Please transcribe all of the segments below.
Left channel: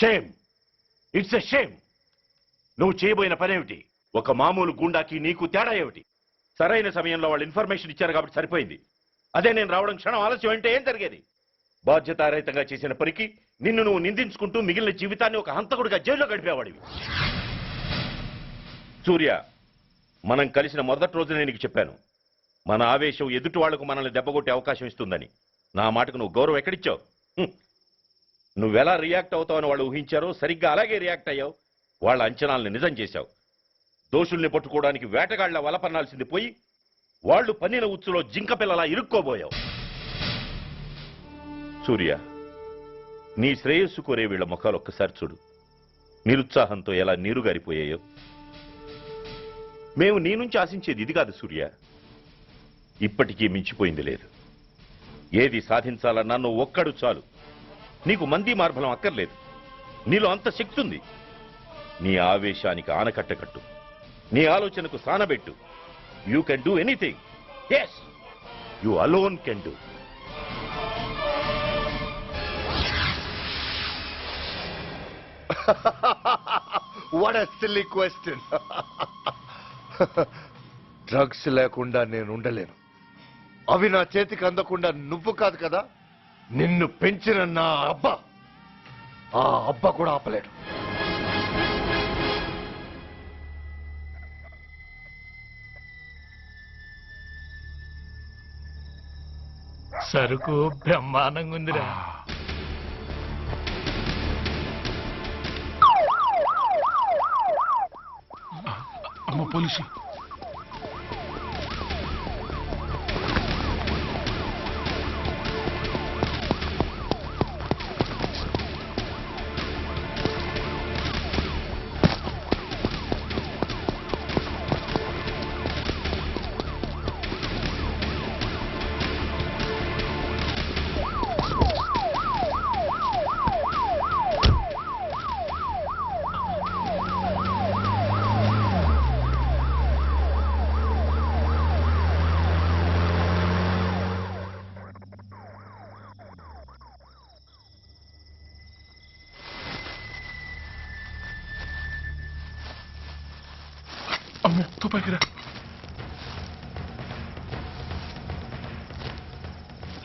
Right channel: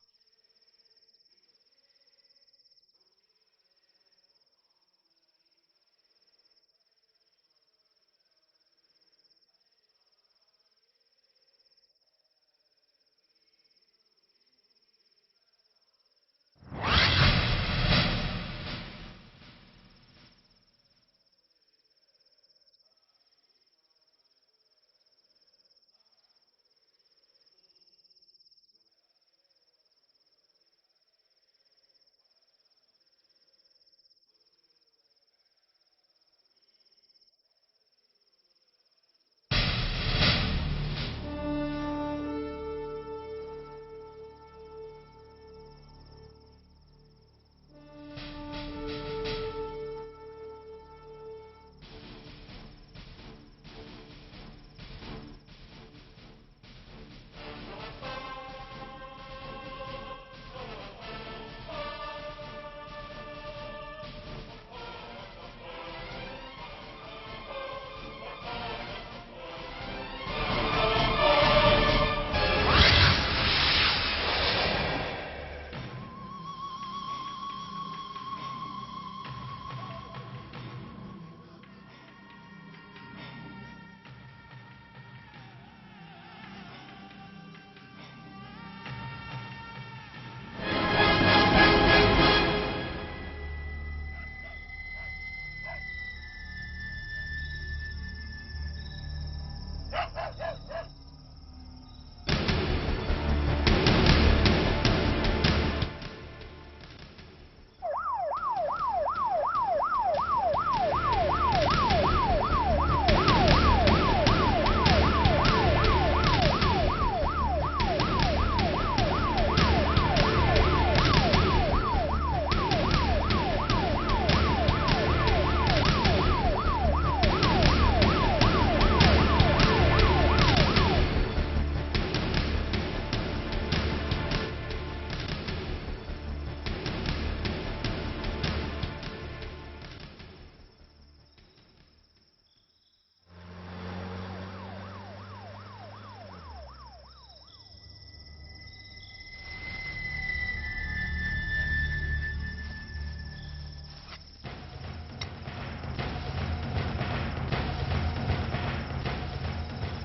Shame, it's a shame. నువ్వు చేయబోయిన పనేమిటి? ఒక మామూలు గుండాకి నీకు తేడా ఏమిటి? సరైన సమయంలో వాళ్ళు ఇన్ఫర్మేషన్ ఇచ్చారు కాబట్టి సరిపోయింది. అదే నేను రావడం క్షణం ఆలస్యం అంటే ఏం జరిగేది? బాధ్యతారహితంగా చేసిన పనికి నిన్ను నువ్వు నిందించుకుంటూ మిగిలిన జీవితాన్ని ఒక హంతకుడిగా జైల్లో గడిపేవాడివి. సూర్య, మనం కలిసిన మొదటి రోజునే నీకు చెప్పాను, మన ఆవేశం ఎదుటి వాళ్లకు మనల్ని దెబ్బగొట్టే అవకాశం ఇస్తుందని. నా మాటకు నువ్వు గౌరవం ఎక్కడిచ్చావు? నువ్వెలా రియాక్ట్ అవుతావని వాళ్ళు ఊహించారో సరిగ్గా అలాగే రియాక్ట్ అయ్యావు. వాళ్ళ అంచనాలను నిజం చేశావు. దోషుల్ని పట్టుకోవడానికి వేటగాళ్ల వలపన్నాల్సింది పోయి వాళ్ళు పన్నిన ఉచ్చులో జింక పిల్లలా ఇరుక్కోబోయావు. సూర్య, నీ శ్రేయస్సు కోరే వీళ్ల ముఖాలు ఒక్కసారి చూడు. నిరుత్సాహంతో ఎలా నీరుగారిపోయాయో. మేము నీ నుంచి ఆశించేది ఇది కాదు సూర్య. ఇప్పటికీ మించిపోయింది లేదు. ఏది సాధించాలన్నా నువ్వు ఒక్కడు చాలు. నీకు మంది మార్బలం అక్కర్లేదు. నీలో అంత శక్తి ఉంది. నీ ఆవేశానికి ఆనకట్ట కట్టు, నీ ఆలోచనకు సానబెట్టు. You can do anything. yes, you alone can do. What a silly question. Drugs లేకుండా నేను ఉండలేను. అవి నా చేతికి అందకుండా నువ్వు కాదు కదా, నిన్ను పెంచిన నా అబ్బ, ఆ అబ్బ కూడా ఆపలేడు. సరుకు బ్రహ్మాండంగా ఉందిరా. పోలీసు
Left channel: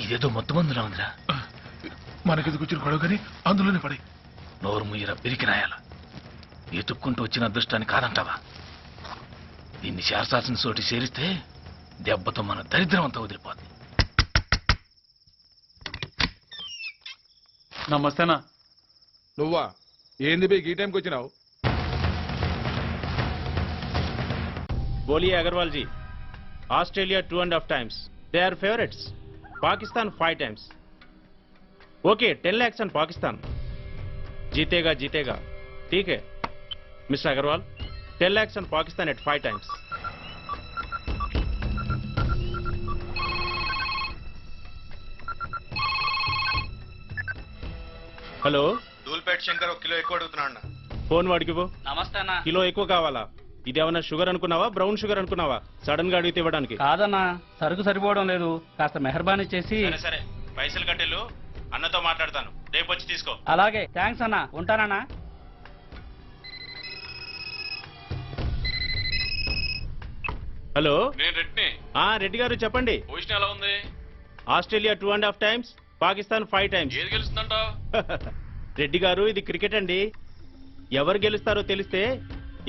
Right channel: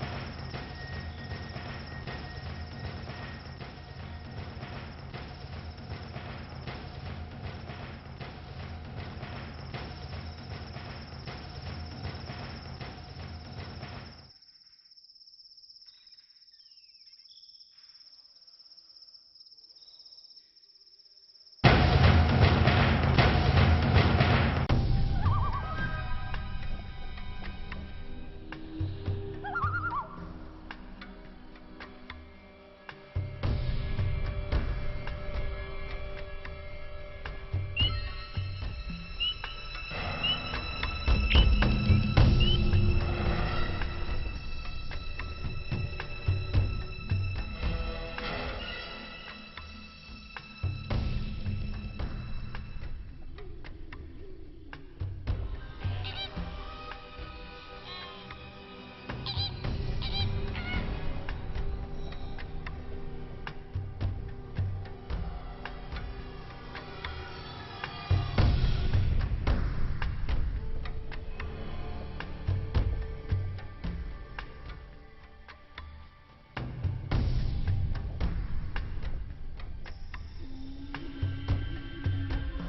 ఇదేదో మొత్తం మందులా ఉందిరా. మనకెందుకు వచ్చిన గొడవ కానీ అందులోనే పడి. నోరు ముయ్యరా పిరికినాయాల. ఎత్తుక్కుంటూ వచ్చిన అదృష్టాన్ని కాదంటావా? దీన్ని శాస్త్రాసిన చోటి చేరిస్తే దెబ్బతో మన దరిద్రం అంతా వదిలిపోతుంది. నమస్తేనా. నువ్వా? ఏంది బే ఈ టైంకి వచ్చినావు? बोलिए Agrawal ji. Australia 2.5 times. They are favorites. Pakistan 5 times. Okay, 10 lakhs on Pakistan. जीतेगा जीतेगा. ठीक है mister Agarwal. 10 lakhs on Pakistan at 5 times. Hello, Dhoolpet Shankar 1 kilo ఎక్కువ అడుగుతున్నాడు. ఫోన్ వాడికి ఇవ్వు. నమస్తే అన్న. కిలో ఎక్కువ కావాలా? ఇదేమన్నా షుగర్ అనుకున్నావా, బ్రౌన్ షుగర్ అనుకున్నావా? సడన్ గా అడిగితే ఇవ్వడానికి? కాదన్నా, సరుకు సరిపోవడం లేదు. కాస్త మెహర్బానీ చేసి. సరే, పైసలు కట్టెళ్ళు. అన్నతో మాట్లాడతాను, రేపు వచ్చి తీసుకో. అలాగే, థ్యాంక్స్ అన్న. ఉంటానన్నా. హలో, నేను రెడ్డిని. రెడ్డి గారు చెప్పండి. పొజిషన్ ఎలా ఉంది? Australia 2.5 times, Pakistan 5 times. ఏది గెలుస్తుందంటావు? రెడ్డి గారు, ఇది క్రికెట్ అండి. ఎవరు గెలుస్తారో తెలిస్తే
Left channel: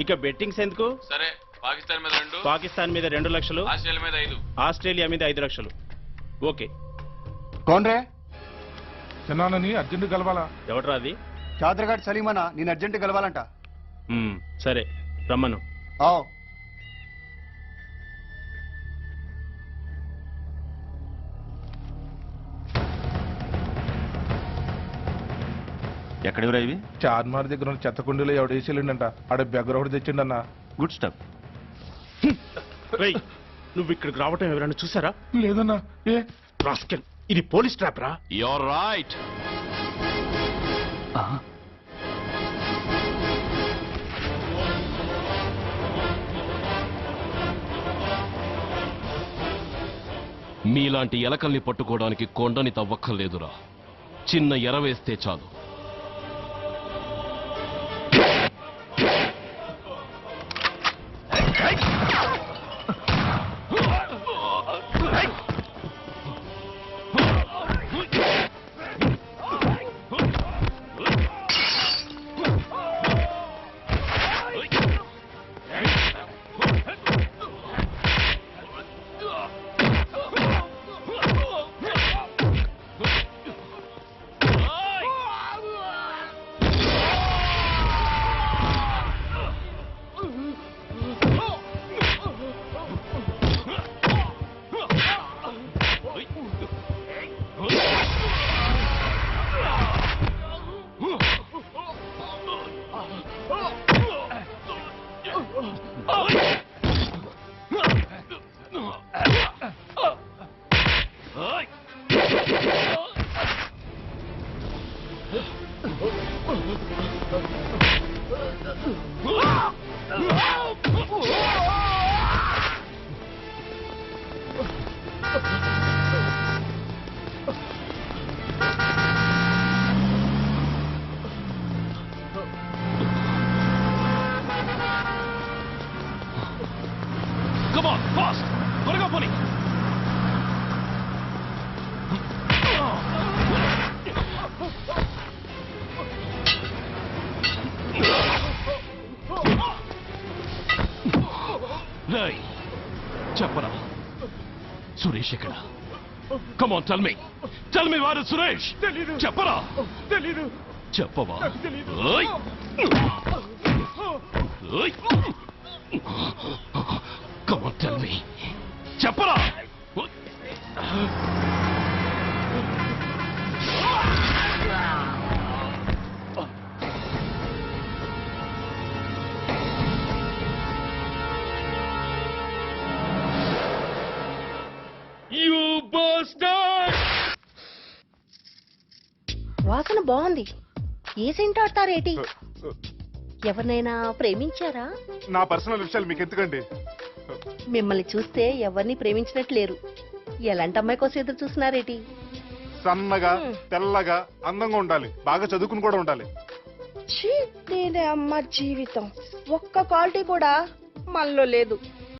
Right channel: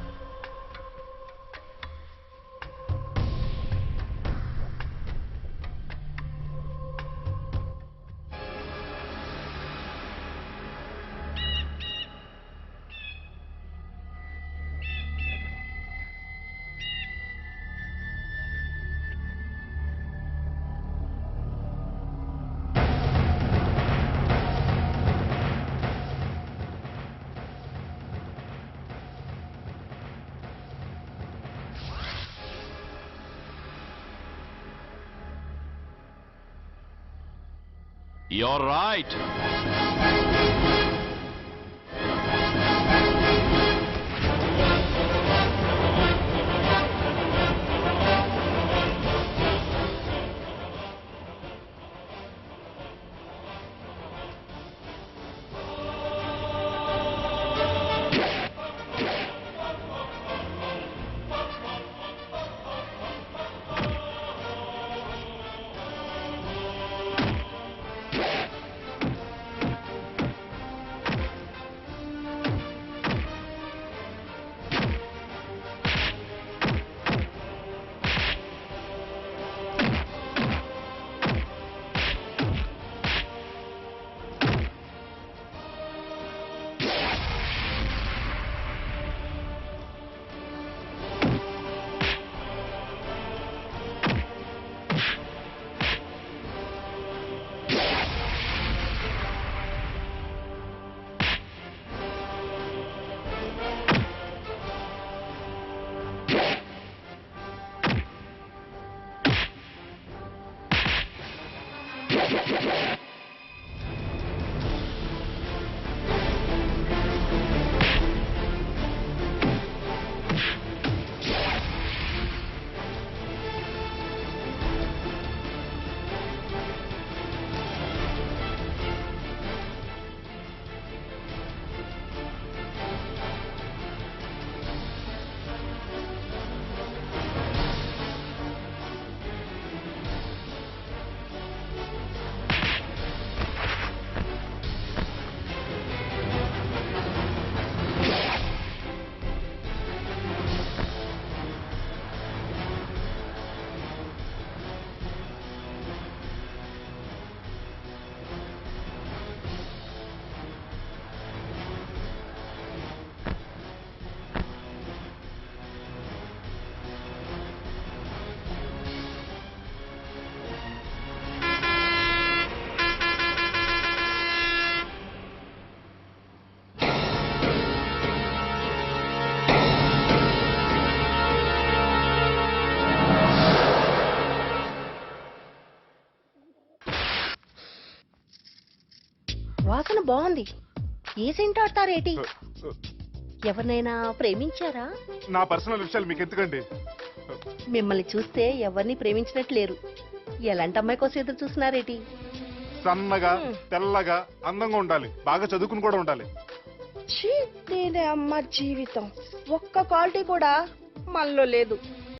ఇక బెట్టింగ్స్ ఎందుకు? సరే, పాకిస్తాన్ మీద 2, పాకిస్తాన్ మీద 2 లక్షలు, ఆస్ట్రేలియా మీద 5. ఆస్ట్రేలియా మీద 5 లక్షలు. ఓకే. కోన్రే చిన్నానని అర్జెంట్ కలవాలా? ఎవడరా అది? చాదరఘాట్ సలీమనా, నేను అర్జెంట్ కలవాలంట. సరే, రమ్మను. ఎక్కడెవరా ఇవి? చార్మార్ దగ్గర ఉన్న చెత్త కుండీలో ఎవడు వేసేళ్ళంట. ఆడ బెగ్గర ఒకటి తెచ్చిండన్నా. Good stuff. నువ్వు ఇక్కడికి రావటం ఎవరైనా చూసారా? లేదన్నా. ఏ రాస్కెల్, ఇది పోలీస్ ట్రాప్ రా. You're right. మీలాంటి ఎలకల్ని పట్టుకోవడానికి కొండని తవ్వక్కర్లేదురా. చిన్న ఎర వేస్తే చాలు. చెప్పరా సురేష్ ఎక్కడ? కమ్ ఆన్ టెల్ మీ వాడు సురేష్. చెప్పరా? చెప్పవా? ఓయ్! ఓయ్! Come on tell me. చెప్పరా? వాసన బాగుంది. ఏ సెంట్ ఆడతారేటి? ఎవరినైనా ప్రేమించారా? నా పర్సనల్ విషయాలు మీకు ఎందుకండి? మిమ్మల్ని చూస్తే ఎవరిని ప్రేమించినట్లు లేరు. ఎలాంటి అమ్మాయి కోసం ఎదురు చూస్తున్నారేటి? సన్నగా తెల్లగా అందంగా ఉండాలి, బాగా చదువుకుని కూడా ఉండాలి. నేనే అమ్మ జీవితం ఒక్క క్వాలిటీ కూడా మనలో లేదు.